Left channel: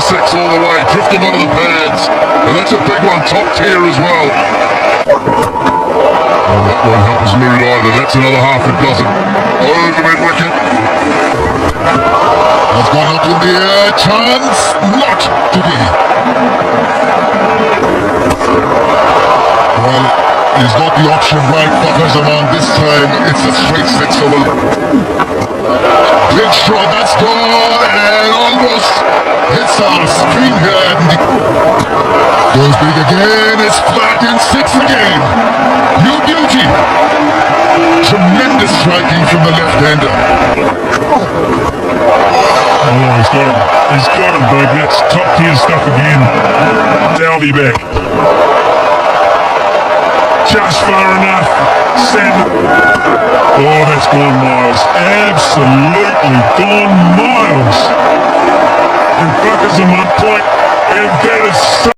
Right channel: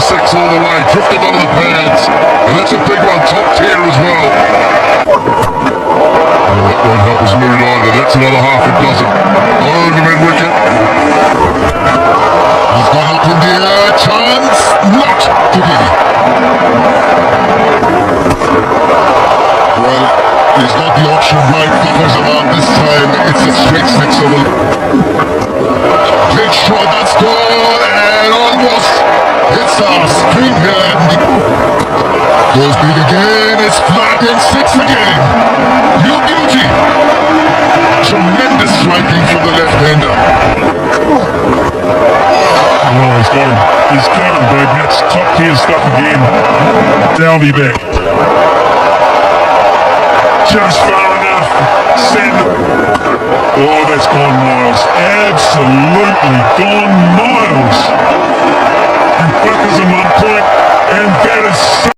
76 all the way, took them out of the pads, and that's a big one, top tier as well. That won't help his mood either, that's another half a dozen. Over the mid-wicket. He's got Auckland here, chance, not to be. Well, he's got the option right, Fakhar Zaman this time, it's a straight six over. Big shot, that's gone, and almost hits a screen here. Goes big again, it's flat and six again. No beauty. Tremendous striking from the left-hander. Oh, he's got it, bud. That's top tier stuff again. Down the back. Just far enough. Seven. Oh, that's gone miles. Absolutely gone miles.